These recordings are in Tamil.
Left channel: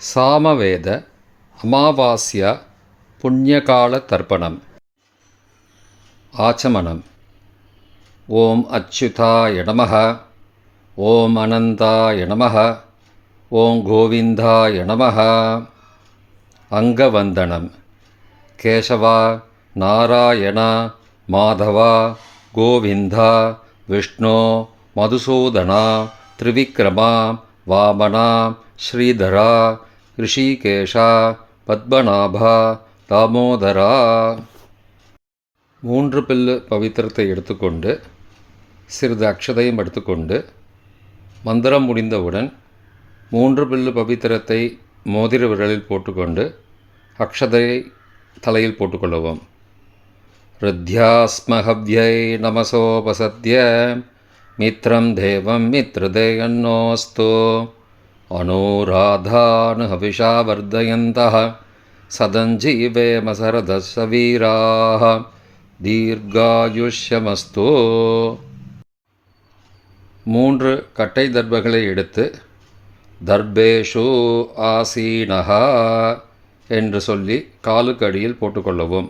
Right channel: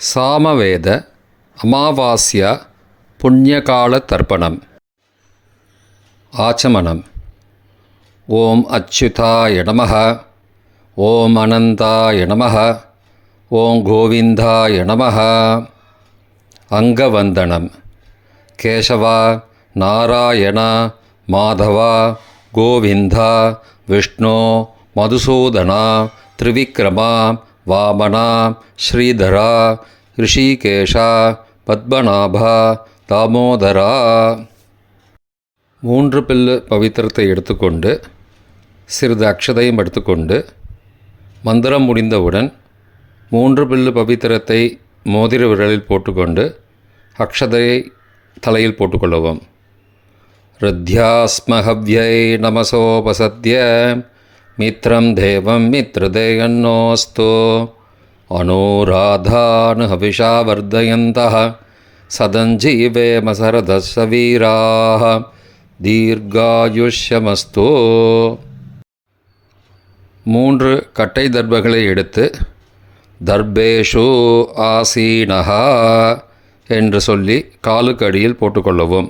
சாமவேத அமாவாஸ்யா புண்ணியகால தர்ப்பணம். ஆச்சமனம். ஓம் அச்சுதாய நமः. ஓம் அனந்தாய நமः. ஓம் கோவிந்தாய நமः. அங்கவந்தனம். கேசவா, நாராயணா, மாதவா, கோவிந்தா, விஷ்ணு, மதுசூதனா, திரிவிக்ரமா, வாமனா, ஸ்ரீதரா, ரிஷிகேஷா, பத்மநாபா, தாமோதரா. 3 பில்லு பவித்திரத்தை எடுத்துக்கொண்டு சிறிது அக்ஷதையும் எடுத்துக்கொண்டு மந்திரம் முடிந்தவுடன் 3 பில்லு பவித்திரத்தை மோதிர விரலில் போட்டுக்கொண்டு அக்ஷதையை தலையில் போட்டுக்கொள்ளவும். ருத்யாஸ்மஹவ்யை நமசோபசத்ய மித்ரம் தேவம் மித்ரதேயன்னோஸ்து அனுராதானு ஹவிஷா வர்தயந்தः சதஞ்சீவேம சரதஸ்ஸ வீராः தீர்காயுஷ்யமஸ்து. 3 கட்டை தர்பங்களை எடுத்து தர்பேஷு ஆசீனஹ என்று சொல்லி காலுக்கு அடியில் போட்டுக்கொள்ளவும்.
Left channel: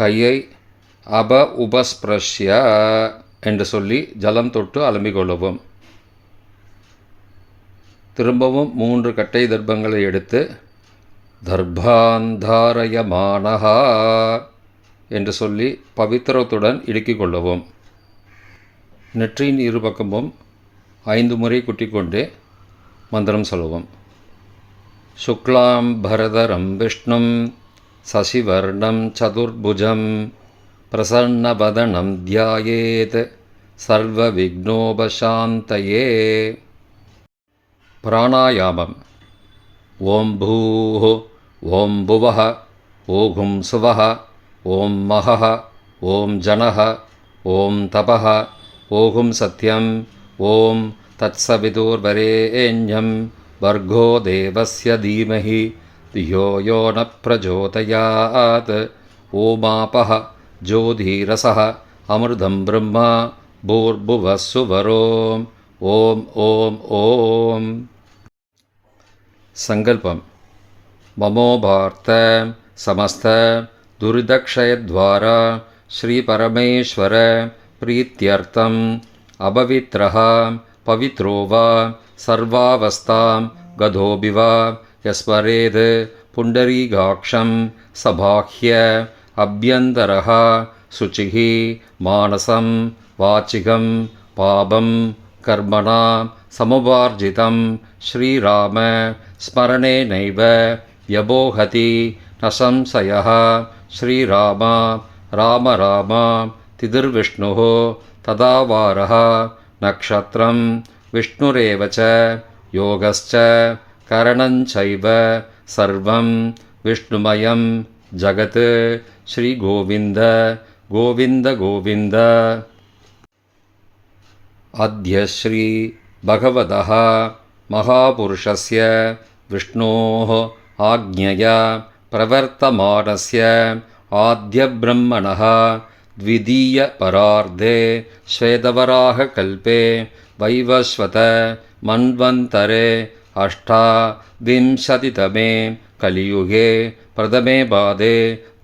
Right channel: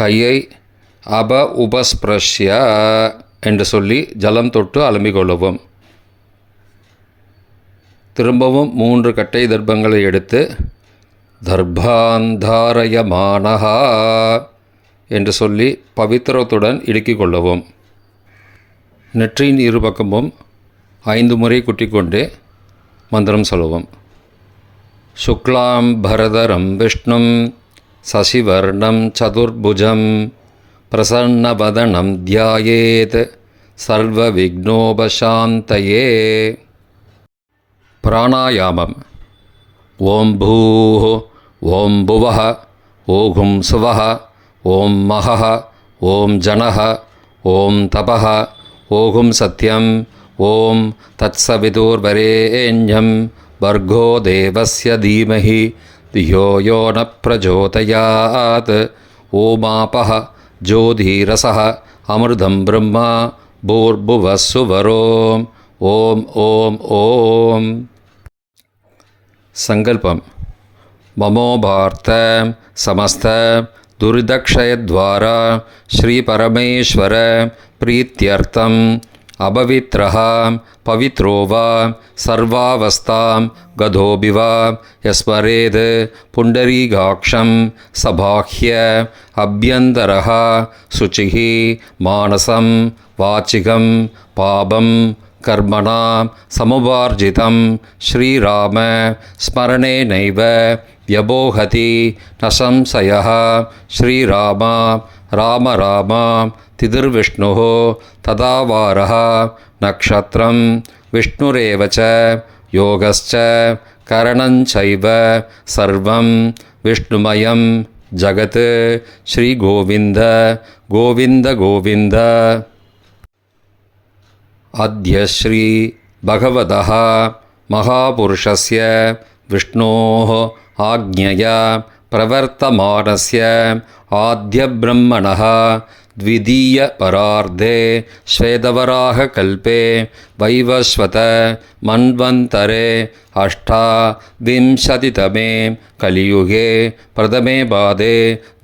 கையை உபஸ்பிரஷ்ய என்று சொல்லி ஜலம் தொட்டு அலம்பிக்கொள்ளவும். திரும்பவும் 3 கட்டை தர்பங்களை எடுத்து தர்பாந்தாரயமானஹா என்று சொல்லி பவித்திரத்துடன் இடுக்கிக் கொள்ளவும். நெற்றியின் இருபக்கமும் 5 முறை குட்டிக்கொண்டே மந்திரம் சொல்லவும். சுக்லாம் பரதரம் விஷ்ணும் சசிவர்ணம் சதுர்புஜம் பிரசன்னவதனம் தியாயேத் சர்வ விக்னோபசாந்தயே. பிராணாயாமம். ஓம் பூः ஓம் புவः ஓம் சுவः ஓம் மஹः ஓம் ஜனः ஓம் தபः ஓம் சத்யம் ஓம் தத்சவிதுர்வரேண்யம் வர்கோ தேவஸ்ய தீமஹி தியோ யோ ந பிரச்சோதயாத். ஓமாபः ஜோதிரசः அமிர்தம் பிரம்மா பூர்புவः சுவரோம். ஓம் ஓம் ஓம். சங்கல்பம். மமோபார்த்த சமஸ்த துரிதக்ஷயத்வாரா ஸ்ரீ பரமேஸ்வர பிரீத்யர்த்தம் அபவித்ரஹ பவித்ரோ வா சர்வாவஸ்தாம் கதோபி வா யஸ்மரேத் புண்டரீகாக்ஷம் சபாஹ்ய அப்யந்தரஹ சுச்சிः மானசம் வாச்சிகம் பாபம் கர்மணா சமுபார்ஜிதம் ஸ்ரீராம ஸ்மரணேனைவ வ்யபோஹதி ந சம்சயः. ஸ்ரீராம ராம ராம திதிர்விஷ்ணுः ததாவாரः நக்ஷத்ரம் விஷ்ணுரேவ ச யோகஸ்ச கரணஞ்சைவ சர்வம் விஷ்ணுமயம் ஜகத். ஸ்ரீ கோவிந்த கோவிந்த கோவிந்த. அத்ய ஸ்ரீ பகவதः மகாபுருஷஸ்ய விஷ்ணோः ஆக்ஞயா பிரவர்த்தமானஸ்ய ஆத்யப்ரம்மணः த்விதீய பரார்த்தே ஸ்வேதவராக கல்பே வைவஸ்வத மன்வந்தரே அஷ்டாவிம்சதிதமே கலியுகே பிரதமே பாதே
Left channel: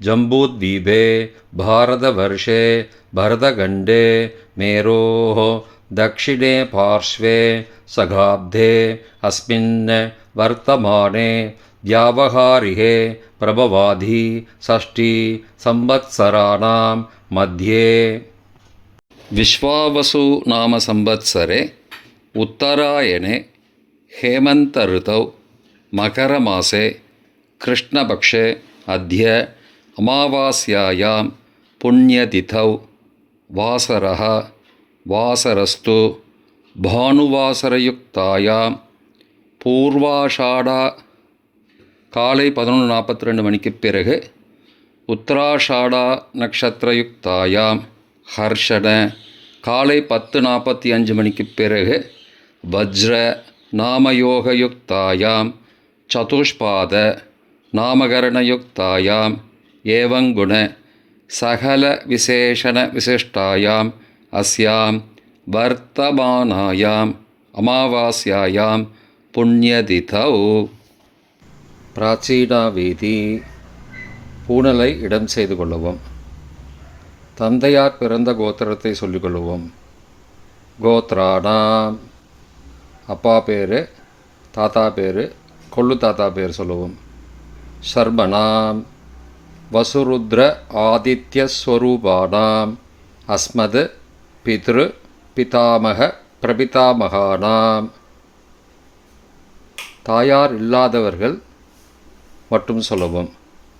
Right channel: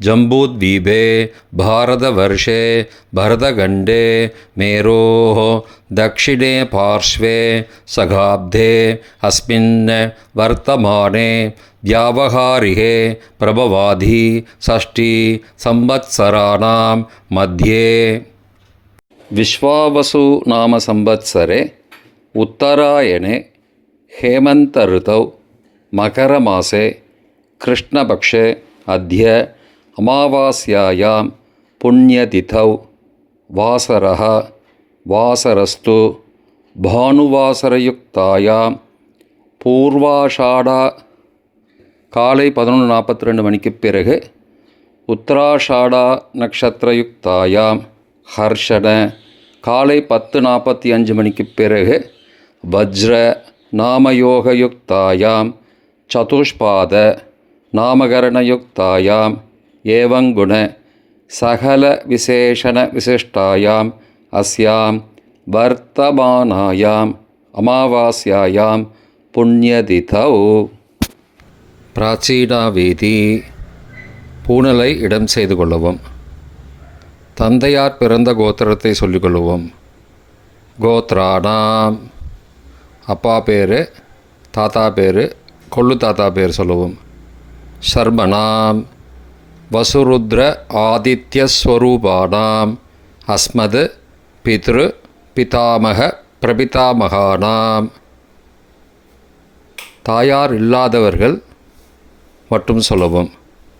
ஜம்பூத்வீபே பாரதவர்ஷே பரதகண்டே மேரோः दक्षिणे पार्श्वे सगाब्धे अस्मिन् वर्तमाने व्यावहारिके प्रभवाधि षष्ठी संवत्सराणां मध्ये. विश्वावसु नाम संवत्सरे उत्तरायणे हेमन्त ऋतौ मकरमासे कृष्णपक्षे अद्य अमावास्यायां पुण्यतिथौ वासरः வாசரஸ்து பானுவாசரயுக்தாயாம் பூர்வாஷாடா காலை 11:42 மணிக்குப் பிறகு உத்தராஷாடா நக்ஷத்திரயுக்தாயாம் ஹர்ஷண காலை 10:45 மணிக்குப் பிறகு வஜ்ர நாமயோகயுக்தாயாம் சதுஷ்பாத நாமகரணயுக்தாயாம் ஏவங்குண சகல விசேஷண விசிஷ்டாயாம் अस्यां वर्तमानायाम् अमावास्यायां புண்ணியதிதௌ. பிராச்சீனாவேதி பூணலை இடம் செய்து கொள்ளவும். தந்தையார் பிறந்த கோத்திரத்தை சொல்லிக்கொள்ளுவோம். கோத்ராணாம் அப்பா பேர், தாத்தா பேர், கொள்ளு தாத்தா பேர் சொல்லுவோம். ஷர்மணாம் வசுருத்ர ஆதித்யஸ்வரூபானாம் அஸ்மத் பித்ரு பிதாமக பிரபிதாமகானாம். தாயார் இல்லாதவர்கள் மட்டும் சொல்லவும்.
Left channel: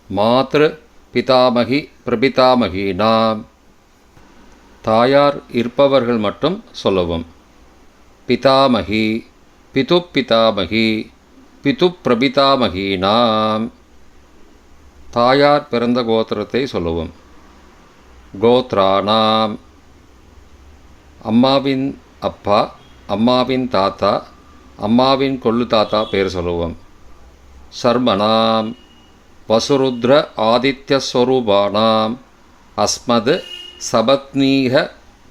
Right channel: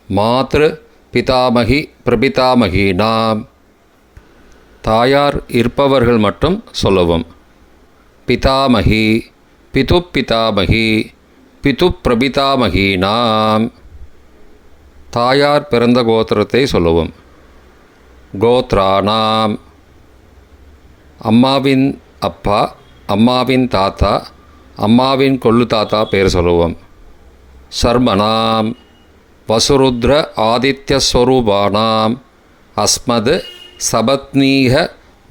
மாத்ரு பிதாமகி பிரபிதாமகீனாம். தாயார் இருப்பவர்கள் மட்டும் சொல்லவும். பிதாமகி பிது பிதாமகி பிது பிரபிதாமகீனாம். தாயார் பிறந்த கோத்திரத்தை சொல்லவும். கோத்ராணாம் அம்மாவின் அப்பா, அம்மாவின் தாத்தா, அம்மாவின் கொள்ளு தாத்தா பேர் சொல்லுவோம். சர்மணாம் வசுருத்ர ஆதித்யஸ்வரூபானாம் அஸ்மத் சபத்னீக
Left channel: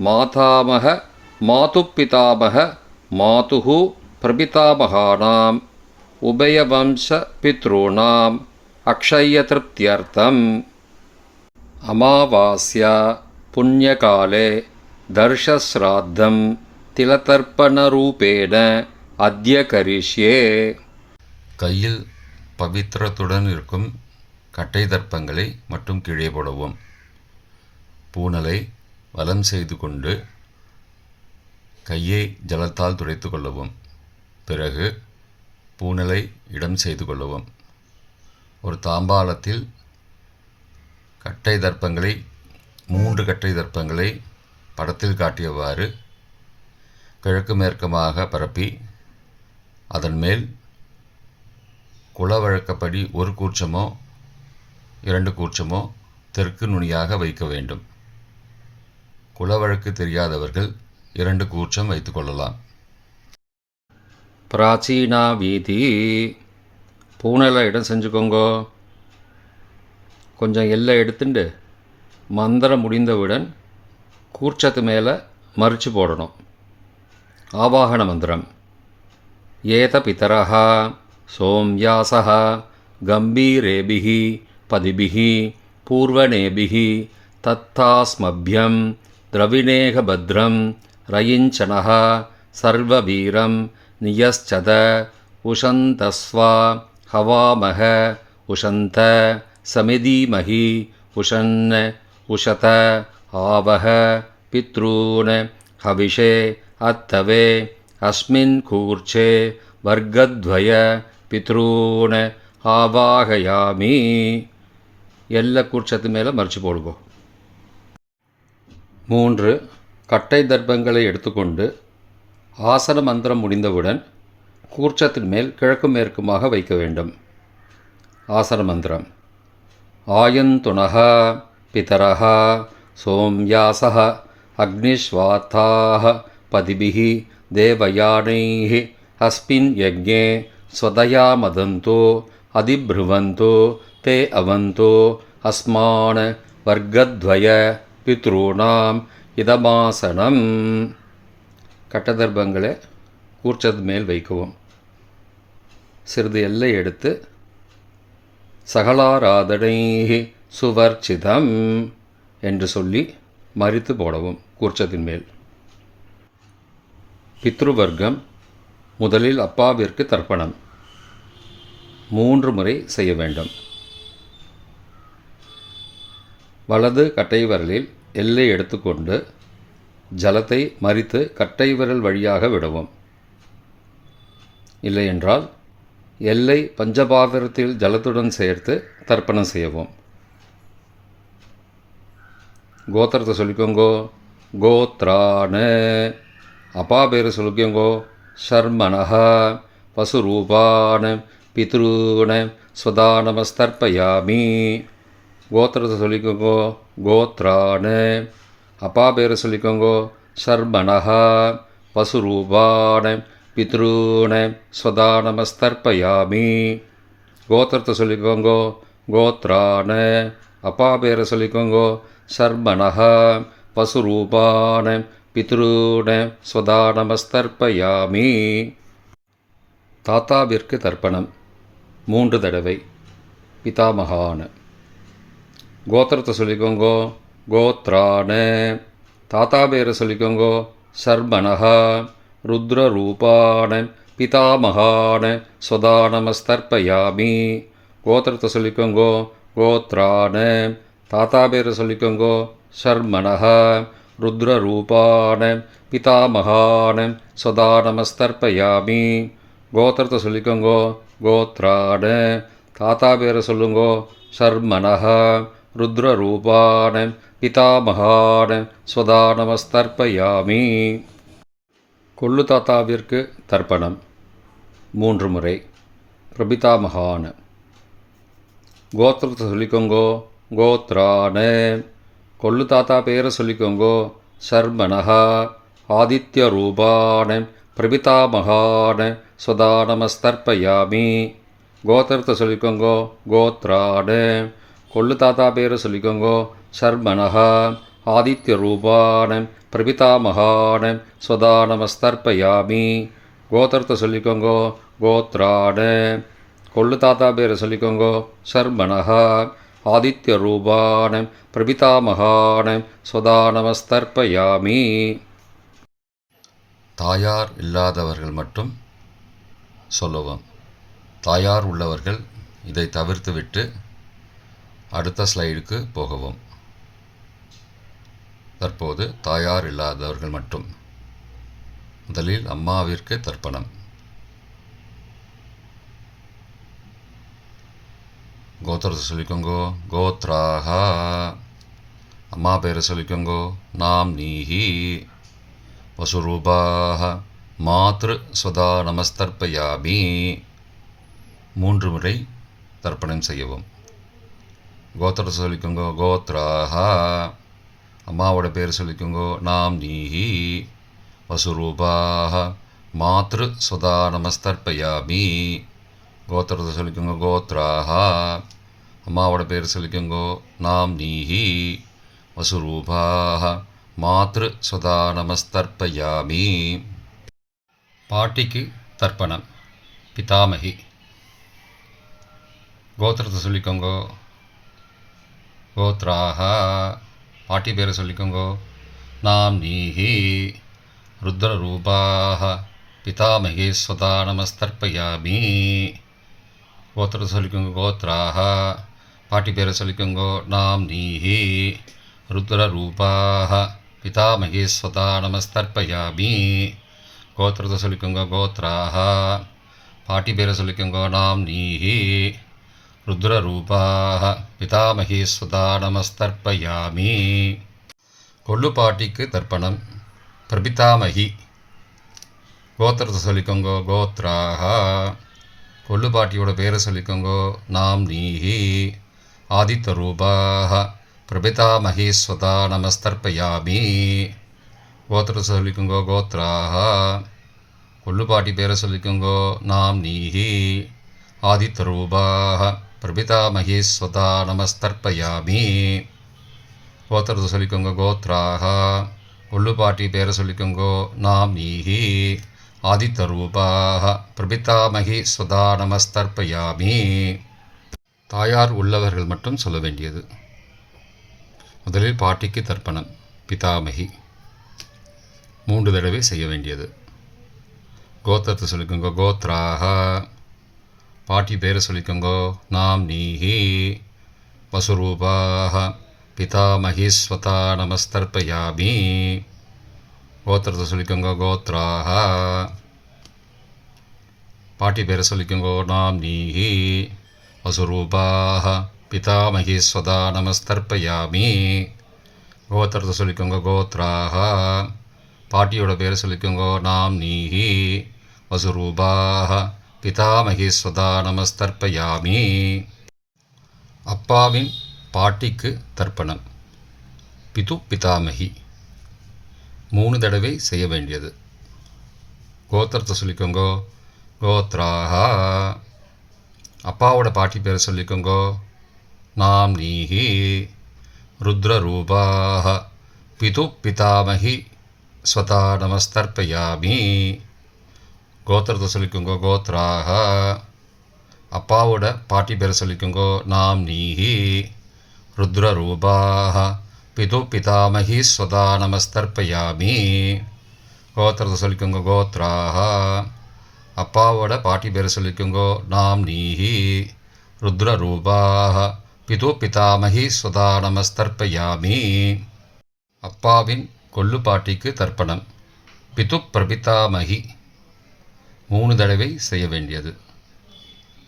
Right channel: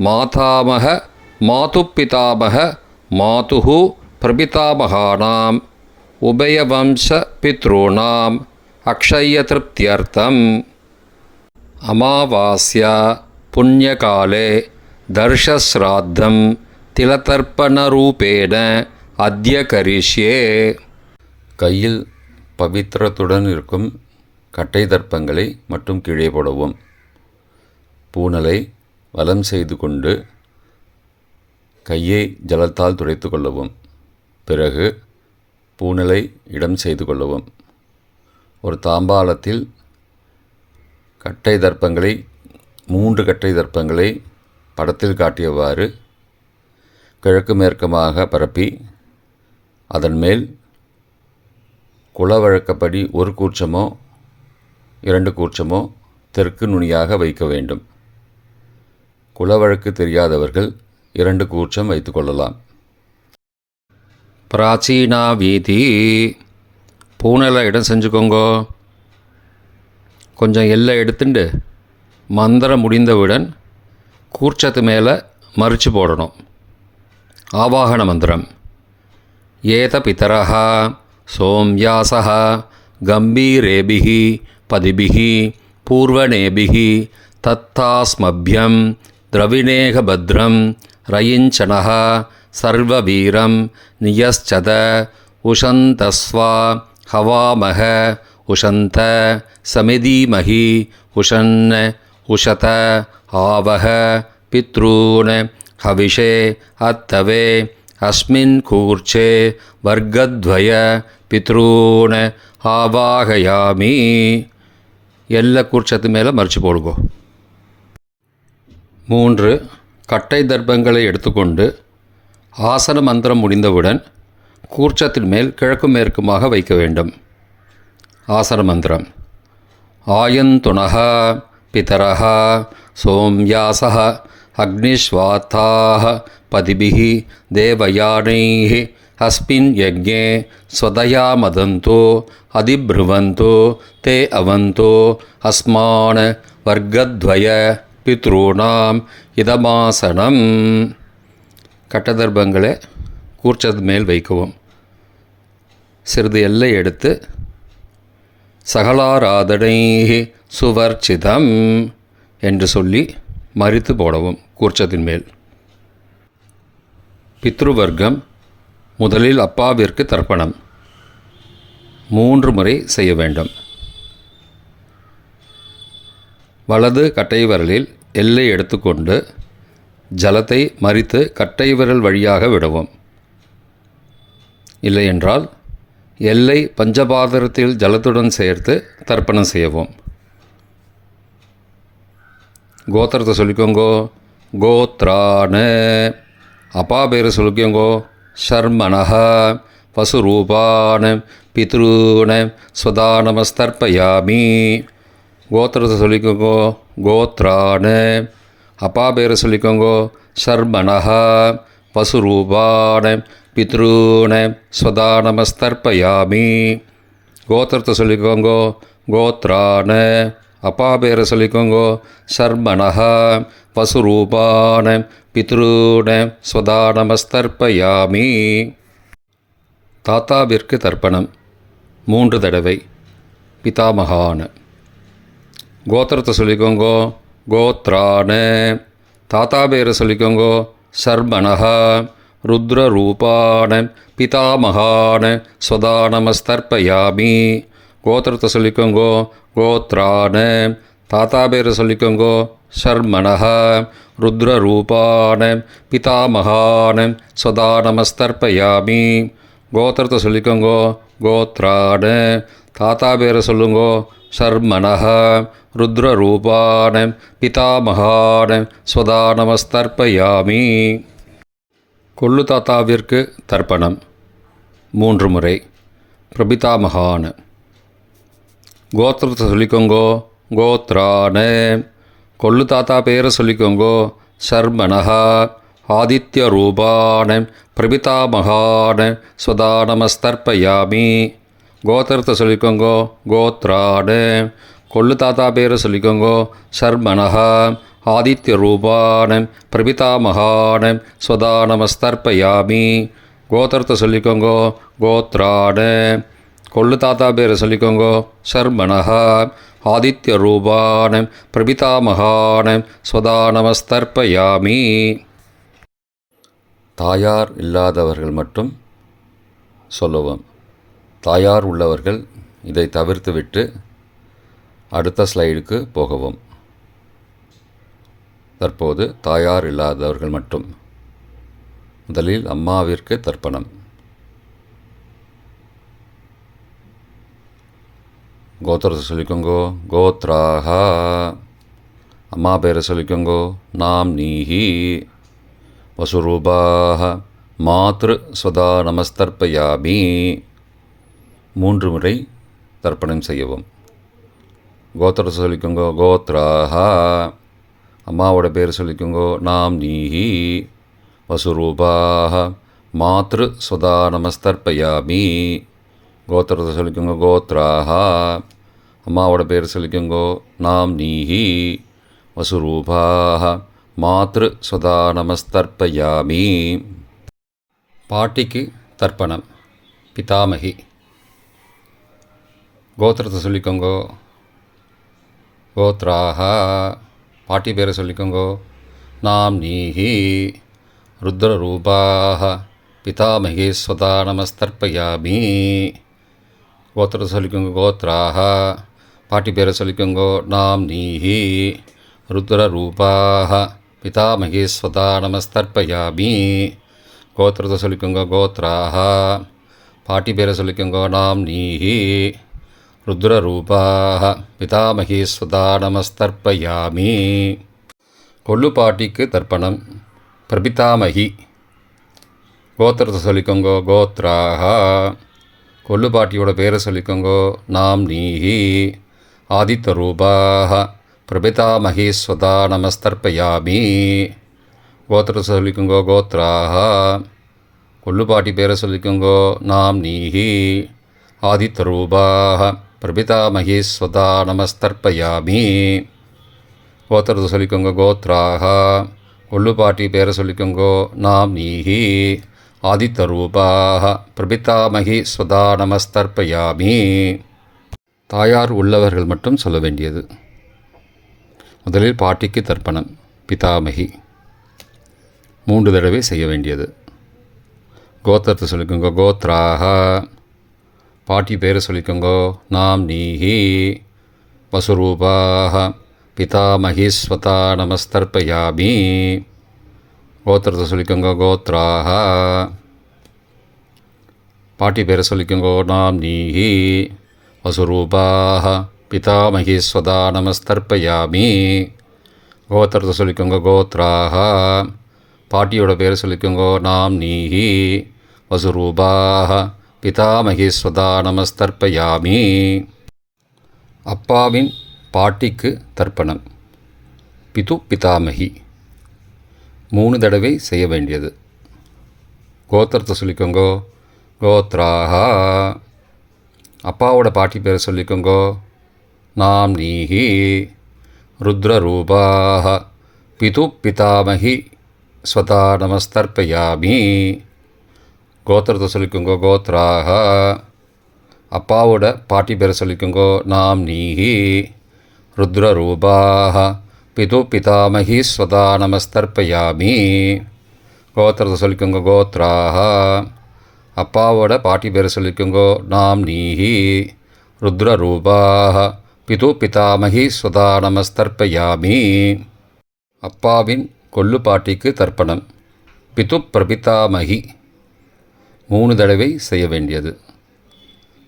மாதாமக மாதுப்பிதாமக மாதுஹு பிரபிதாமகானாம் உபயவம்ச பித்ருணாம் அக்ஷயத்ருப்தியர்த்தம். அமாவாஸ்யா புண்ணியகாலே தர்ஷஸ்ராத்தம் திலதர்ப்பணரூபேண அத்ய கரிஷ்யே. கையில் பவித்திரத்துடன் இருக்கும் கட்டை தர்ப்பங்களை மட்டும் கீழே போடவும். பூணலை வலம் செய்து கொண்டு கையை ஜலத்தால் துடைத்து கொள்ளவும். பிறகு பூணலை இடம் செய்து கொள்ளவும். ஒரு தாம்பாளத்தில் கட்டை தர்ப்பங்களை 3 கட்டை தர்ப்பங்களை படத்தில் காட்டியவாறு கிழக்கு மேற்கமாக பரப்பி அதன் மேல் குலவழக்கப்படி 1 கூர்ச்சமோ 2 கூர்ச்சமோ தெற்கு நுனியாக வைக்க வேண்டும். குலவழக்கு தெரியாதவர்கள் 2 கூர்ச்சம் வைத்துக்கொள்ளலாம். பிராச்சீனா வீதி பூனலை இடம் செஞ்சுக்கோங்கோ. கொஞ்சம் எல்லை எடுத்துட்டு மந்திரம் முடிந்தவுடன் கூர்ச்சத்து மேலே மறித்து போடணும். ஆவாகன மந்திரம். ஏத பிதரஹ சோம்யாசஹ கம்பீரேபிஹி பதிபிஹி பூர்வணேபிஹி தத்தாஸ்மப்யம் திரவிணேக பத்ரம் ரயிஞ்சனஹ சர்வவீரம் நியஸ்சத உஷந்தஸ்வா ஹவாமஹ உஷந்த சமிதீமஹி உஷன் உஷத ஆவஹ பித்ரூன் ஹவிஷே அத்தவே அஸ்மின் கூர்ச்சே வர்க்கத்வய பித்ரூன் ஆவாகயாமி. எல்லா கூர்ச்சத்து மேலே மறித்து போடுங்கோ. 3 கட்டை தர்ப்பங்களை எடுத்துக்கொண்டு ஆசன மந்திரம் முடிந்தவுடன் கூர்ச்சத்தின் மேல் கிழக்கு மேற்குமாக வைக்க வேண்டும். ஆசன மந்திரம். ஆயந்துணஹ பிதரஹ சோம்யாசஹ அக்னிஸ்வாத்தாஹ பதிபிஹி தேவயானைஹி அஸ்மின் யஜ்ஞே ஸ்வதயா மதந்தோ அதிப்ருவந்தோ தே அவந்தோ அஸ்மான் வர்க்கத்வய பித்ருணாம் இதமாசனம். கட்டதர்ப்பங்களை கூர்ச்சத்து மேல் வைக்கவும். சிறிது எல்லை எடுத்து சகலாராதனை சுவர்ச்சிதம் என்று சொல்லி மறித்து போடவும் கூர்ச்சத்தின் மேல். பித்ருவர்க்கம். முதலில் அப்பாவிற்கு தர்ப்பணம் 3 முறை செய்ய வேண்டும். வலது கட்டை விரலில் எல்லை எடுத்துக்கொண்டு ஜலத்தை மறித்து கட்டை விரல் வழியாக விடவும். இல்லையென்றால் எல்லை பஞ்சபாத்திரத்தில் ஜலத்துடன் சேர்த்து தர்ப்பணம் செய்யவும். கோத்திரத்தை சொல்லிக்கோங்கோ. கோத்ரான அப்பா பேர் சொல்லிக்கோங்கோ. ஷர்மணஹ வசுரூபான பித்ருன ஸ்வதானமஸ்தர்ப்பயாமி. கோத்திரத்தை சொல்லிக்கோங்கோ. கோத்ரான அப்பா பேர் சொல்லிக்கோங்கோ. ஷர்மணஹ வசுரூபான பித்ருன ஸ்வதானமஸ்தர்ப்பயாமி. கோத்திரத்தை சொல்லிக்கோங்கோ. கோத்ரான அப்பா பேரை சொல்லிக்கோங்கோ. ஷர்மணஹ வசுரூபான பித்ருன ஸ்வதானமஸ்தர்ப்பயாமி. தாத்தாவிற்கு தர்ப்பணம் 3 தடவை. பிதாமகான. கோத்திரத்தை சொல்லிக்கோங்கோ. கோத்ரான. தாத்தா பேரை சொல்லிக்கோங்கோ. சர்மணஹ. ருத்ரரூபான பிதாமகான ஸ்வதா நமஸ்தர்ப்பயாமி. கோத்திரத்தை சொல்லிக்கோங்கோ. கோத்ரான. தாத்தா பேரை சொல்லிக்கோங்கோ. சர்மணஹ. ருத்ரரூபான பிதாமகான ஸ்வதா நமஸ்தர்ப்பயாமி. கோத்திரத்தை சொல்லிக்கோங்கோ. கோத்ரான. தாத்தா பேரை சொல்லுங்கோ. சர்மணஹ. ருத்ரரூபான பிதாமகான ஸ்வதா நமஸ்தர்ப்பயாமி. கொள்ளு தாத்தாவிற்கு தர்ப்பணம் 3 முறை. பிரபிதாமகான. கோத்திரத்தை சொல்லிக்கோங்கோ. கோத்ரான. கொள்ளு தாத்தா பேரை சொல்லிக்கோங்கோ. சர்மணஹ. ஆதித்ய ரூபான பிரபிதாமகான ஸ்வதா நமஸ்தர்ப்பயாமி. கோத்திரத்தை சொல்லிக்கோங்கோ. கோத்ரான. கொள்ளு தாத்தா பேரை சொல்லிக்கோங்கோ. சர்மணஹ. ஆதித்ய ரூபான பிரபிதாமகான ஸ்வதா நமஸ்தர்ப்பயாமி. கோத்திரத்தை சொல்லிக்கோங்கோ. கோத்ரான. கொள்ளு தாத்தா பேரை சொல்லிக்கோங்கோ. சர்மணஹ. ஆதித்ய ரூபான பிரபிதாமகான ஸ்வதா நமஸ்தர்ப்பயாமி. தாயார் இல்லாதவர்கள் மட்டும் சொல்லவும். தாயார் உள்ளவர்கள் இதை தவிர்த்துவிட்டு அடுத்த ஸ்லைடுக்கு போகவும். தற்போது தாயார் இல்லாதவர்கள் மட்டும். முதலில் அம்மாவிற்கு தர்ப்பணம். கோத்திரத்தை சொல்லிக்கோங்கோ. கோத்ராஹ. அம்மா பேரை சொல்லிக்கோங்கோ. நாம் நீஹி. வசுரூபாஹ. மாத்ரு ஸ்வதா நமஸ்தர்ப்பயாமி. 3 முறை தர்ப்பணம் செய்யவும். கோத்திரத்தை சொல்லிக்கோங்கோ. கோத்ராஹ. அம்மாவோட பேர் சொல்லிக்கோங்கோ. நாம் நீஹி. வசுரூபாஹ. மாத்ரு ஸ்வதா நமஸ்தர்ப்பயாமி. கோத்திரத்தை சொல்லிக்கோங்கோ. கோத்ராஹ. அம்மாவோட பேர் சொல்லிக்கோங்கோ. நாம் நீஹி. வசுரூபாஹ. மாத்ரு ஸ்வதா நமஸ்தர்ப்பயாமி. பாட்டிக்கு தர்ப்பணம். பிதாமகி. கோத்திரத்தை சொல்லிக்கோங்கோ. கோத்ராஹ. பாட்டி பேரை சொல்லிக்கோங்கோ. நாம் நீஹி. ருத்ரரூபாஹ பிதாமகி ஸ்வதா நமஸ்தர்ப்பயாமி. கோத்திரத்தை சொல்லிக்கோங்க. கோத்ராஹ. பாட்டி பேரை சொல்லிக்கோங்கோ. நாம் நீஹி. ருத்ரரூபாஹ பிதாமகி ஸ்வதா நமஸ்தர்ப்பயாமி. கோத்திரத்தை சொல்லிக்கோங்க. கோத்ராஹ. பாட்டி பேரை சொல்லிக்கோங்கோ. நாம் நீஹி. ருத்ரரூபாஹ பிதாமகி ஸ்வதா நமஸ்தர்ப்பயாமி. கொள்ளு பாட்டிக்கு தர்ப்பணம். பிரபிதாமகி. கோத்திரத்தை சொல்லிக்கோங்கோ. கோத்ராஹ. கொள்ளு பாட்டியோட பேரை சொல்லிக்கோங்கோ. நாம் நீஹி. ஆதித்ய ரூபாஹ பிரபிதாமகி ஸ்வதா நமஸ்தர்ப்பயாமி. கோத்திரத்தை சொல்லிக்கோங்கோ. கோத்ராஹ. கொள்ளு பாட்டி பேரை சொல்லிக்கோங்கோ. நாம் நீஹி. ஆதித்ய ரூபாஹ பிரபிதாமகி ஸ்வதா நமஸ்தர்ப்பயாமி. கோத்திரத்தை சொல்லிக்கோங்க. கோத்ராஹ. கொள்ளு பாட்டி பேரை சொல்லிக்கோங்கோ. நாம் நீஹி. ஆதித்ய ரூபாஹ பிரபிதாமகி ஸ்வதா நமஸ்தர்ப்பயாமி. தாயார் உள்ளவர்கள் மட்டும் சொல்ல வேண்டியது. முதலில் பாட்டிக்கு தர்ப்பணம். பிதாமகி 3 தடவை செய்ய வேண்டியது. கோத்திரத்தை சொல்லிக்கோங்க. கோத்ராஹ. பாட்டி பேரை சொல்லிக்கோங்கோ. நாம் நீஹி. வசுரூபாஹ பிதாமகி ஸ்வதா நமஸ்தர்ப்பயாமி. கோத்திரத்தை சொல்லிக்கோங்க. கோத்ராஹ. பாட்டி பேரை சொல்லிக்கோங்கோ. நாம் நீஹி. வசுரூபாஹ பிதாமகி ஸ்வதா நமஸ்தர்ப்பயாமி. கோத்திரத்தை சொல்லிக்கோங்க. கோத்ராஹ. பாட்டியோட பேரை சொல்லிக்கோங்கோ. நாம் நீஹி. வசுரூபாஹ பிதாமகி ஸ்வதா நமஸ்தர்ப்பயாமி. அப்பாவின் பாட்டிக்கு தர்ப்பணம். பிது பிதாமகி 3 தடவை செய்ய வேண்டியது. கோத்திரத்தை சொல்லிக்கோங்கோ. கோத்ராஹ. அப்பாவோட பாட்டி பேரை சொல்லிக்கோங்கோ. நாம் நீஹி. ருத்ரரூபாஹ பிது பிதாமகி ஸ்வதா நமஸ்தர்ப்பயாமி. கோத்திரத்தை சொல்லிக்கோங்க கோத்ராக. அப்பாவோட பாட்டி பேரை சொல்லிக்கோங்க நாம் நீஹி. ருத்ரரூபாக பிது பிதாமகி ஸ்வதா நமஸ்தர்ப்பயாமி. கோத்திரத்தை சொல்லிக்கோங்க கோத்ராக. அப்பாவோட பாட்டி பேரை சொல்லிக்கோங்க நாம் நீஹி. ருத்ரரூபாக பிது பிதாமகி ஸ்வதா நமஸ்தர்ப்பயாமி. அப்பாவின் கொள்ளு பாட்டிக்கு தர்ப்பணம். பிது பிரபிதாமகி 3 தடவை செய்ய வேண்டியது.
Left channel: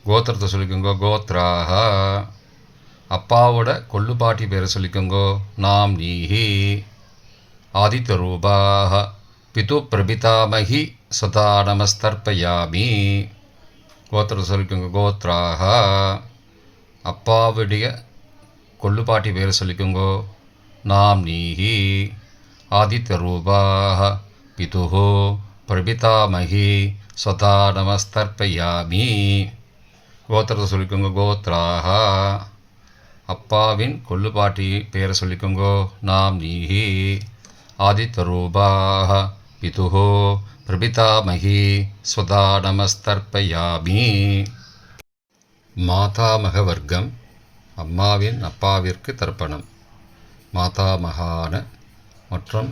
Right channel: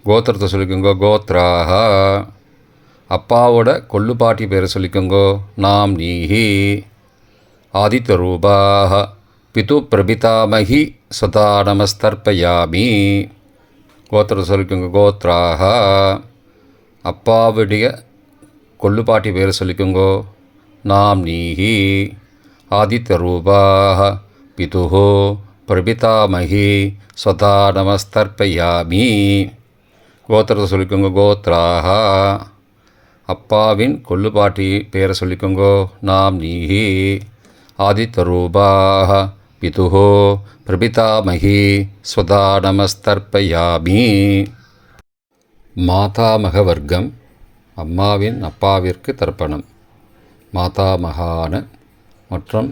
கோத்திரத்தை சொல்லிக்கோங்க கோத்ராக. அப்பாவோட கொள்ளுப்பாட்டி பேரை சொல்லிக்கோங்க நாம் நீஹி. ஆதித்யரூபாக பிது பிரபிதாமகி சதா நமஸ்தர்ப்பயாமி. கோத்திரத்தை சொல்லிக்கோங்க கோத்ராக. அப்பாவுடைய கொள்ளுப்பாட்டி பேரை சொல்லிக்கோங்க நாம் நீஹி. ஆதித்யரூபாக பிதுஹோ பிரபிதாமகி சதா நமஸ்தர்ப்பயாமி. கோத்திரத்தை சொல்லிக்கோங்க கோத்ராக. அப்பாவின் கொள்ளுப்பாட்டி பேரை சொல்லிக்கோங்க நாம் நீஹி. ஆதித்யரூபாக பிதுஹோ பிரபிதாமகி ஸ்வதா நமஸ்தர்ப்பயாமி. மாதாமக வர்க்கம். அம்மாவின் அப்பாவிற்கு தர்ப்பணம். மாதாமகான மற்றும்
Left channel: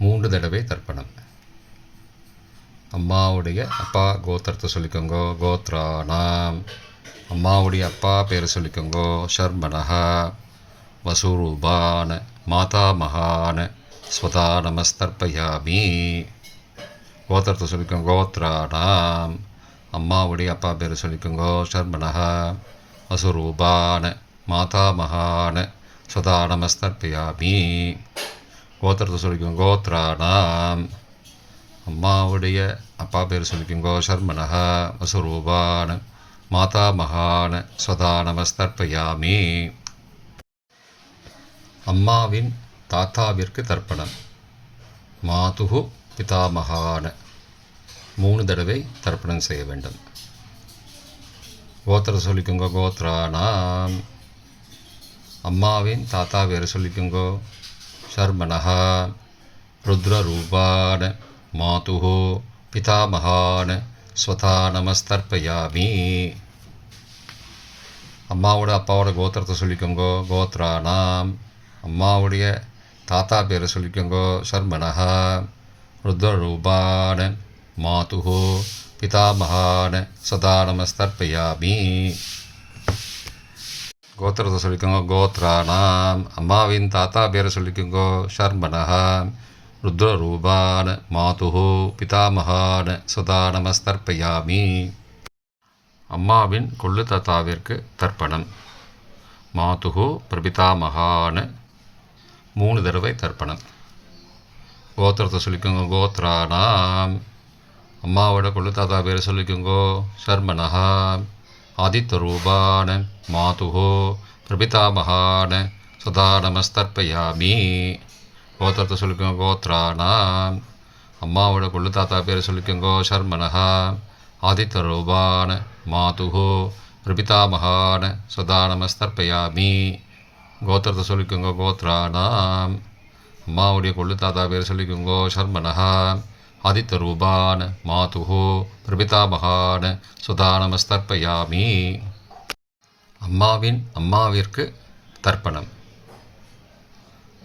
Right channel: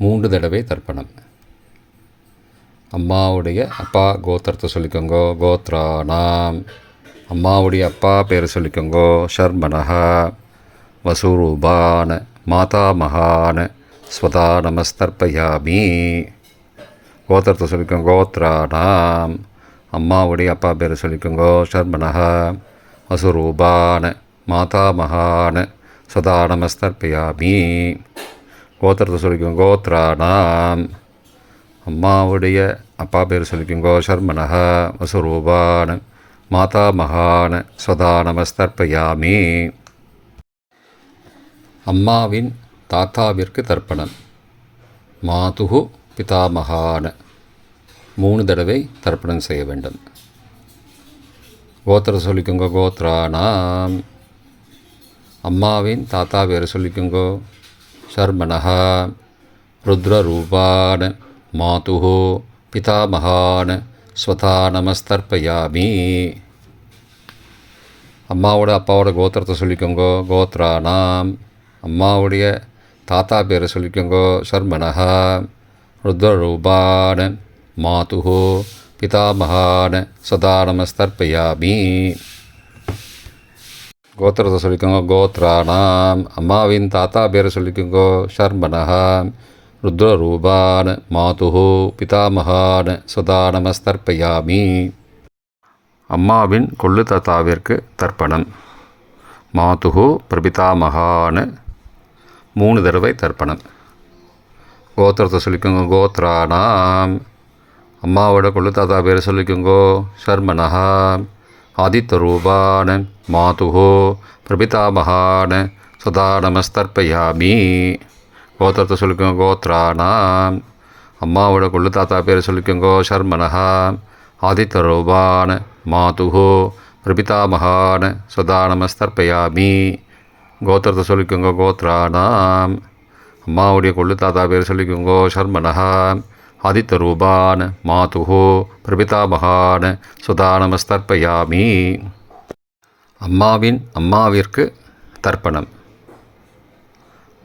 3 தடவை தர்ப்பணம். அம்மாவுடைய அப்பா கோத்திரத்தை சொல்லிக்கோங்க கோத்ரானாம். அம்மாவுடைய அப்பா பேரை சொல்லிக்கோங்க ஷர்மனஹா. வசுரூபான மாதாமகான ஸ்வதா நமஸ்தர்ப்பயாமி. கோத்திரத்தை சொல்லிக்கோங்க கோத்ரானாம். அம்மாவுடைய அப்பா பேரை சொல்லிக்கோங்க ஷர்மனஹா. வசுரூபான மாதாமகான ஸ்வதா நமஸ்தர்ப்பயாமி. கோத்திரத்தை சொல்லிக்கோங்க கோத்ரானாம். அம்மாவுடைய அப்பா பேர் சொல்லிக்கோங்க ஷர்மனஹ. வசுரூபான மாதாமகான ஸ்வதா நமஸ்தர்ப்பயாமி. அம்மாவின் தாத்தாவிற்கு தர்ப்பணம். மாதுகு பிதாமகான 3 தடவை தர்ப்பணம் செய்ய வேண்டும். கோத்திரத்தை சொல்லிக்கோங்க கோத்ரானாம். அம்மாவின் தாத்தா பேர் சொல்லிக்கோங்க ஷர்மனஹ. ருத்ரரூபான மாதுஹோ பிதாமகான ஸ்வதா நமஸ்தர்ப்பயாமி. அம்மாவோட அப்பாவோட கோத்திரத்தை சொல்லிக்கோங்க கோத்ரானாம். அம்மாவுடைய தாத்தா பேரை சொல்லிக்கோங்க ஷர்மனஹ. ருத்ரரூபான மாதுஹோ பிதாமகான ஸ்வதா நமஸ்தர்ப்பயாமி. கோத்திரத்தை சொல்லிக்கோங்க கோத்ரானாம். அம்மாவின் தாத்தா பேரை சொல்லிக்கோங்க ஷர்மனஹ. ருத்ரரூபான மாதுஹோ பிதாமகான ஸ்வதா நமஸ்தர்ப்பயாமி. அம்மாவின் கொள்ளு தாத்தாவிற்கு தர்ப்பணம். மாதுஹோ பிரபிதாமகான 3 தடவை தர்ப்பணம். கோத்திரத்தை சொல்லிக்கோங்க கோத்ரானாம். அம்மாவோட கொள்ளு தாத்தா பேரை சொல்லிக்கோங்க ஷர்மனஹ. ஆதித்யரூபான மாதுஹோ பிரபிதாமகான ஸ்வதா நமஸ்தர்ப்பயாமி. கோத்திரத்தை சொல்லிக்கோங்க கோத்ரானாம். அம்மாவோட கொள்ளு தாத்தா பேரை சொல்லிக்கோங்க ஷர்மனஹ. ஆதித்யரூபான மாதுஹோ பிரபிதாமகான ஸ்வதா நமஸ்தர்ப்பயாமி. கோத்திரத்தை சொல்லிக்கோங்க கோத்ரானாம். அம்மாவுடைய கொள்ளு தாத்தா பேரை சொல்லிக்கோங்க ஷர்மனஹ. ஆதித்யரூபான மாதுஹோ பிரபிதாமகான ஸ்வதா நமஸ்தர்ப்பயாமி. அம்மாவின் அம்மாவிற்கு தர்ப்பணம்.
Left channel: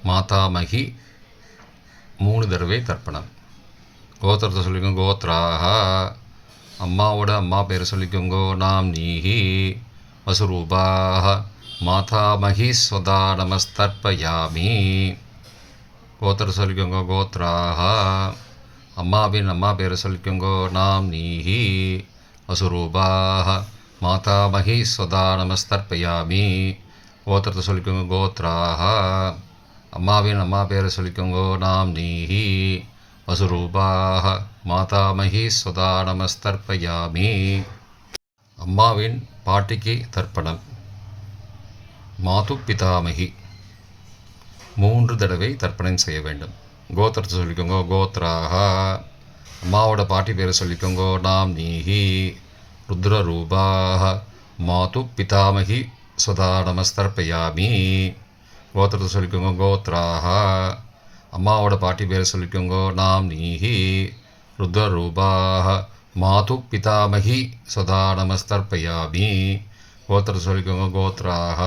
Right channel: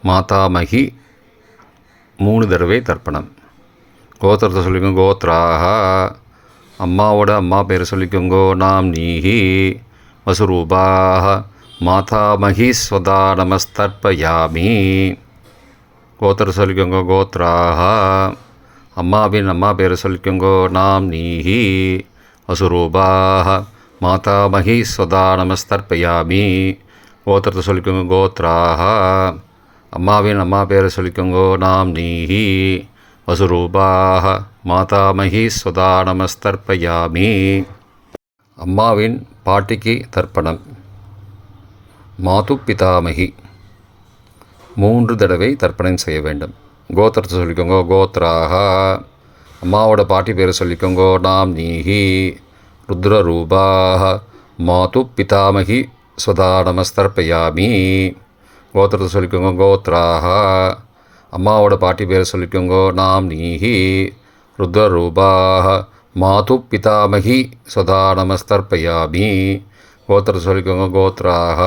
மாதாமகி 3 தடவை தர்ப்பணம். கோத்திரத்தை சொல்லிக்கோங்க கோத்ராக. அம்மாவோட அம்மா பேரை சொல்லிக்கோங்க நாம் நீஹி. வசுரூபாக மாதாமகி ஸ்வதா நமஸ்தர்ப்பயாமி. கோத்திரத்தை சொல்லிக்கோங்க கோத்ராக. அம்மாவின் அம்மா பேரை சொல்லிக்கோங்க நாம் நீஹி. வசுரூபாக மாதாமகி ஸ்வதா நமஸ்தர்ப்பயாமி. கோத்திரத்தை சொல்லிக்கோங்க கோத்ராக. அம்மாவின் அம்மா பேரை சொல்லிக்கோங்க நாம் நீஹி. வசுரூபாக மாதாமகி ஸ்வதா நமஸ்தர்ப்பயாமி. அம்மாவின் பாட்டிக்கு தர்ப்பணம். மாது பிதாமகி 3 தடவை தர்ப்பணம் செய்ய வேண்டும். கோத்திரத்தை சொல்லிக்கோங்க கோத்ராக. அம்மாவோட பாட்டி பேரை சொல்லிக்கோங்க நாம் நீஹி. ருத்ரரூபாக மாது பிதாமகி ஸ்வதா நமஸ்தர்ப்பயாமி. கோத்திரத்தை சொல்லிக்கோங்க கோத்ராக. அம்மாவோட பாட்டி பேரை சொல்லிக்கோங்க நாம் நீஹி. ருத்ரரூபாः மாது பிதாமகி சதா நமஸ்தர்ப்பயாமி. கோத்திரத்தை சொல்லிக்கோங்க. கோத்ராக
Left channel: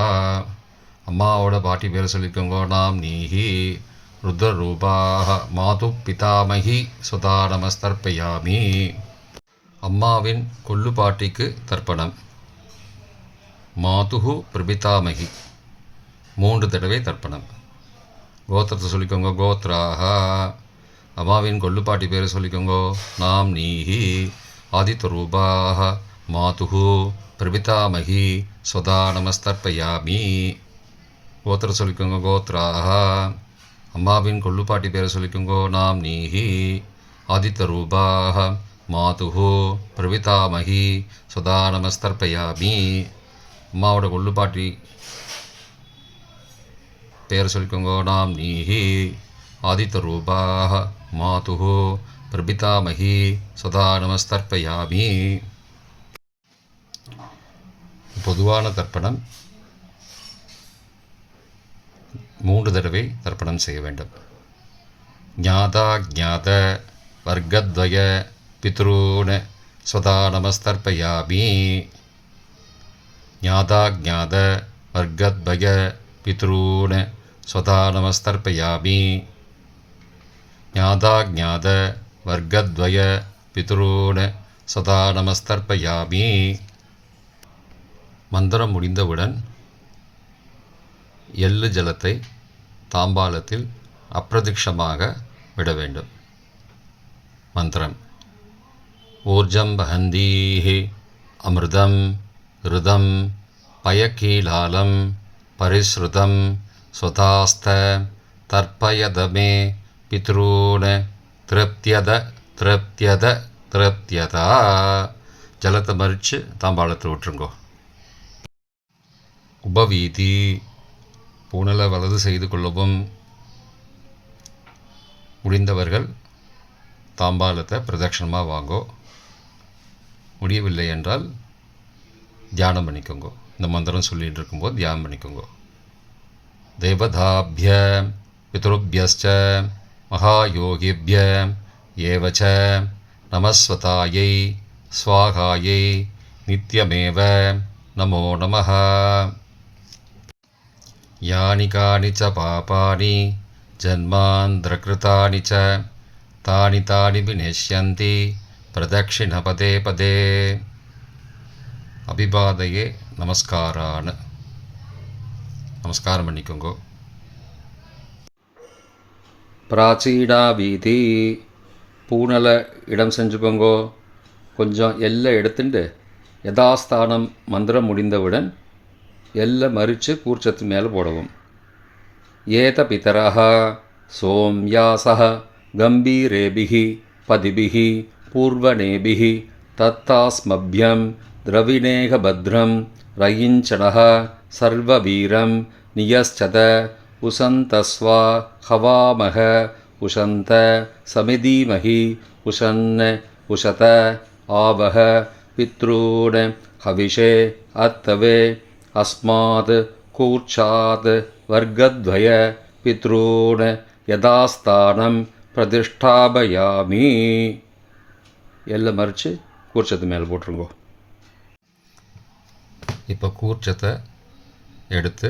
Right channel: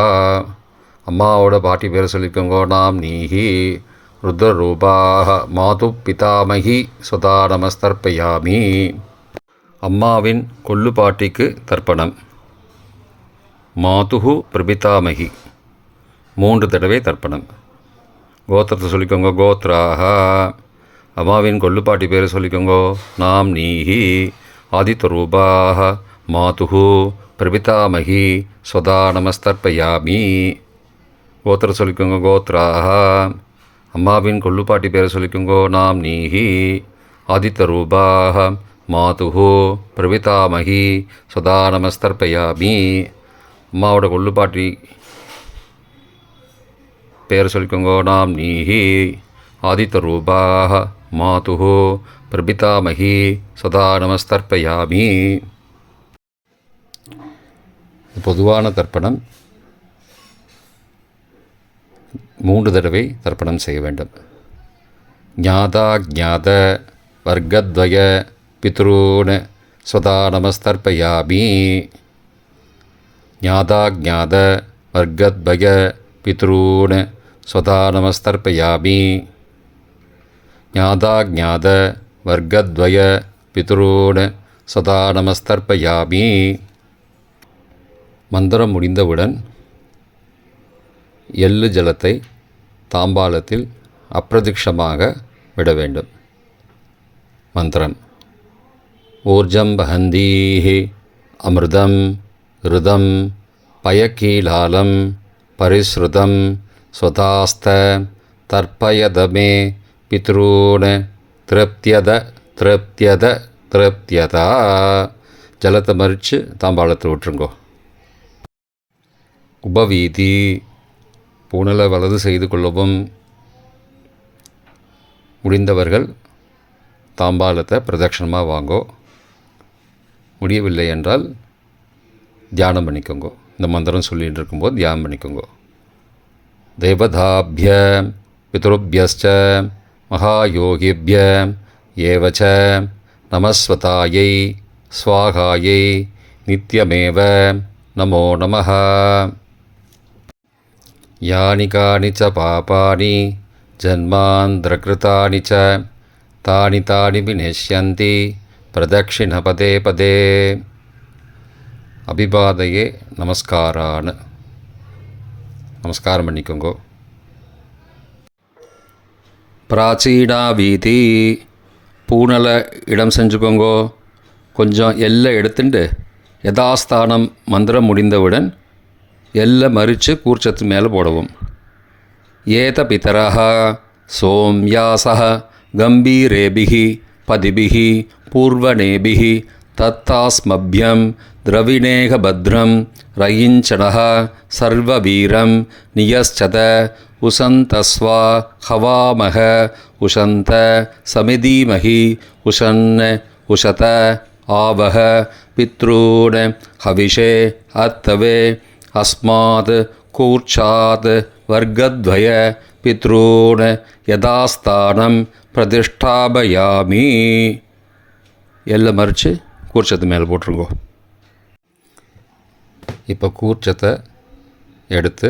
அம்மாவோட பாட்டி பேரை சொல்லிக்கோங்க. நாம் நீஹி ருத்ரரூபாக மாது பிதாமகி சதா நமஸ்தர்ப்பயாமி. அம்மாவின் கொல்லு பாட்டிக்கு தர்ப்பணம். மாதுஹு பிரபிதாமகி 3 தடவை தர்ப்பணம். கோத்திரத்தை சொல்லிக்கோங்க. கோத்ராக அம்மாவின் கொல்லுப்பாட்டி பேரை சொல்லிக்கோங்க. நாம் நீஹி ஆதித்யரூபாக மாதுஹு பிரபிதாமகி ஸ்வதா நமஸ்தர்ப்பயாமி. கோத்திரம் சொல்லிக்கோங்க. கோத்ராக அம்மாவின் கொல்லுப்பாட்டி பேரை சொல்லிக்கோங்க. நாம் நீஹி ஆதித்யரூபாக மாதுஹு பிரபிதாமகி ஸ்வதா நமஸ்தர்ப்பயாமி. அம்மாவோட கொல்லுப்பாட்டி பேர் சொல்லிக்கோங்க. நாம் நீஹி ஆதித்யரூபாக மாதுஹு பிரபிதாமகி சதா நமஸ்தர்ப்பயாமி. பொதுவான தர்ப்பணம் 3 தடவை தர்ப்பணம் செய்ய வேண்டும். ஞாதா ஞாத வர்க்கத்வய பித்ரூன் சதா நமஸ்தர்ப்பயாமி. ஞாதா ஞாத வர்க்கத்வய பித்ரூன் சதா நமஸ்தர்ப்பயாமி. ஞாதா ஞாத வர்க்கத்வய பித்ரூன் சதா நமஸ்தர்ப்பயாமி. மந்திரம் முடிந்தவுடன் எள்ளு ஜலத்தை தாம்பாளத்தில் அப்பிரதிக்ஷமாக விட வேண்டும். மந்திரம். ஊர்ஜம் வஹந்தீஹி அமிர்தம் ருதம் பயக்கீலாலம் பரிஸ்ருதம் ஸ்வதாஸ்த தர்ப்பயதமே பித்ரூன் திருப்தியத திருப்தியத திருப்தியதா. ஜலத்தை மறித்து தாம்பாளத்தில் விட்டுருங்கோ. உபவீதி. பூணலை வலது செய்து கொள்ளவும். முடிந்தவர்கள் தாம்பாளத்தை பிரதட்சணமாக வாங்கோ. முடியவில்லை என்றால் தியானம் பண்ணிக்கோங்க. இந்த மந்திரம் சொல்லிகிட்டு இருக்கும்போது தியானம் பண்ணிக்கோங்க. தேவதாபிய பித்ருபியஸ்ச மகாயோகிபிய ஏவச்ச நமஸ்வதாயை ஸ்வாகாயை நித்யமேவ நமோ நமः. யானி கானி ச பாபானி ஜன்மாந்திரகிருதானி ச தானி தானி விநஷ்யந்தி பிரதக்ஷிண பதே பதே. அபிபாதையே நமஸ்காரான்னு நமஸ்காரம் பண்ணிக்கோங்கோ. பிராச்சீனா வீதி. பூனலை இடம் செஞ்சுக்கோங்கோ. கொஞ்சம் எல்லை எடுத்துட்டு யதாஸ்தானம் மந்திரம் முடிந்தவுடன் எல்லை மறித்து கூர்ச்சத்து மேலே போடவும். ஏத பிதரஹ சோம்யாசஹ கம்பீரேபிஹி பதிபிஹி பூர்வனேபிஹி தத்தாஸ்மப்யம் திரவிணேக பத்ரம் ரயிஞ்சனஹ சர்வவீரம் நியஸ்சத உசந்தஸ்வா ஹவாமஹ உஷந்த சமிதீமஹி உஷன் உஷத ஆவஹ பித்ரூன் ஹவிஷே அத்தவே அஸ்மாத் கூர்ச்சாத் வர்க்கத்வய பித்ரூன் யதாஸ்தானம் பிரதிஷ்டாபயாமி. எல்லாம் மறித்து கூர்ச்சத்து மேலே போட்டுருங்கோ. இப்போ கூர்ச்சத்தை எடுத்து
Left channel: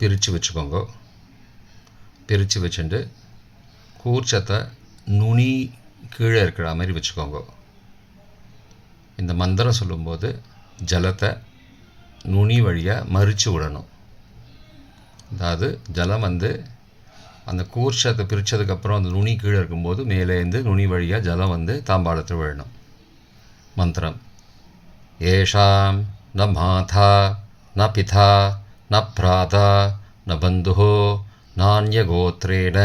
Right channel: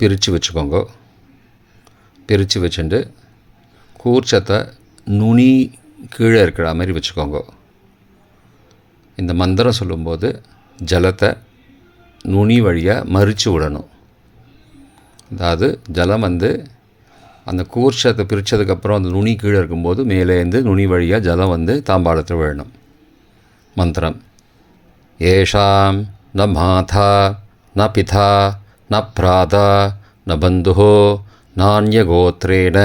பிரித்து வச்சுக்கோங்க. பிரித்து வச்சுட்டு கூர்ச்சத்தை நுனி கீழே இருக்கிற மாதிரி வச்சுக்கோங்க. இந்த மந்திரம் சொல்லும்போது ஜலத்தை நுனி வழியாக மறித்து விடணும். அதாவது ஜலம் அந்த கூர்ச்சத்தை பிரித்ததுக்கப்புறம் அந்த நுனி கீழே இருக்கும்போது மேலேருந்து நுனி வழியாக ஜலம் தாம்பாளத்தில் விழணும். மந்திரம். ஏஷாம் ந மாதா ந பிதா ந பிராதா ந பந்துஹோ நான்யகோத்ரேண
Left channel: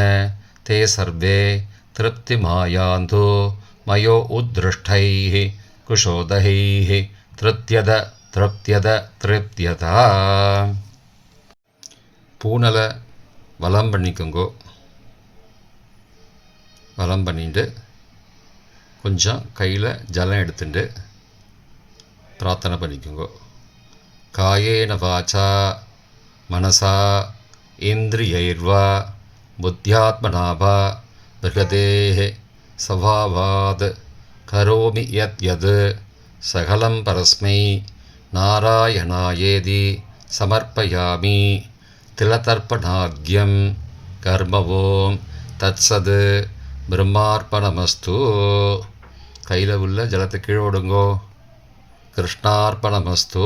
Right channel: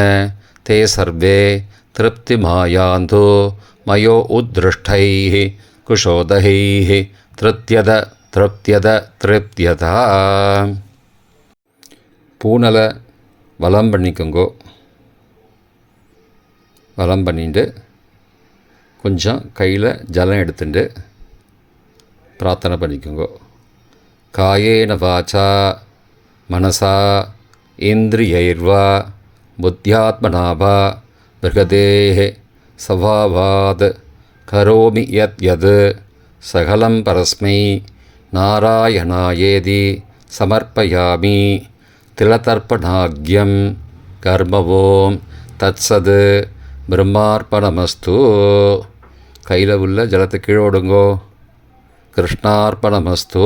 தே சர்வே திருப்திமாயாந்தோ மயோ உத்ருஷ்டைः குஷோதகைः திருப்தியத திருப்தியத திருப்தியதா. பூனலை வலம் பண்ணிக்கோங்கோ. வலம் பண்ணிட்டு கொஞ்சம் கையில் ஜலம் எடுத்துட்டு பிரார்த்தனை பண்ணிக்கோங்கோ. காயேன வாச்சா மனசா இந்திரியைர்வா புத்தியாத்மனாபா பிருகதேஹ சவாவாத் கரோமி யத் யத் சகலம் பரஸ்மை நாராயணாயேதி சமர்ப்பயாமி திலதர்ப்பணாக்யம் கர்மவோம் தத்சத் பிரம்மார்ப்பணமஸ்து. கையில் உள்ள ஜலத்தை கீழோடுங்கோ. கிருஷ்ணார்ப்பணமஸ்து.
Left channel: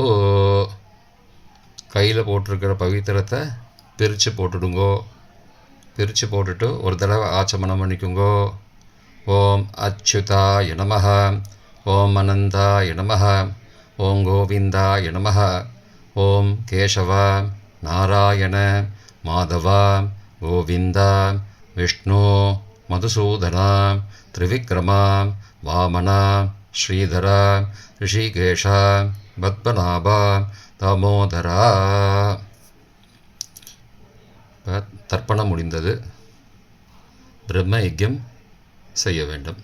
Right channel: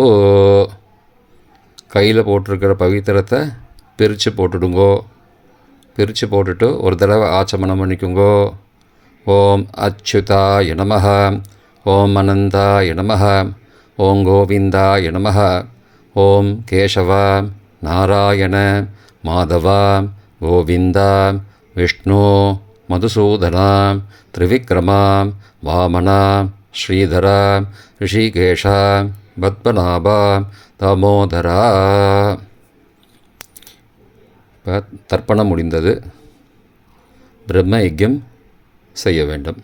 கையில் போட்டிருக்கிற பவித்திரத்தை பிரித்து போட்டுடுங்கோ. பிரித்து போட்டுட்டு ஒரு தடவை ஆச்சமனம் பண்ணிக்குங்கோ. ஓம் அச்சுதாய நமஹ, ஓம் அனந்தாய நமஹ, ஓம் கோவிந்தாய நமஹ, ஓம் கேசவ நாராயண மாதவ கோவிந்த விஷ்ணு மதுசூதன திரிவிக்ரம வாமன ஸ்ரீதர ரிஷிகேஷ பத்மநாப தாமோதரா. தர்ப்பணம் முடிந்தது. பிரம்ம யஜ்யம் செய்ய வேண்டும்.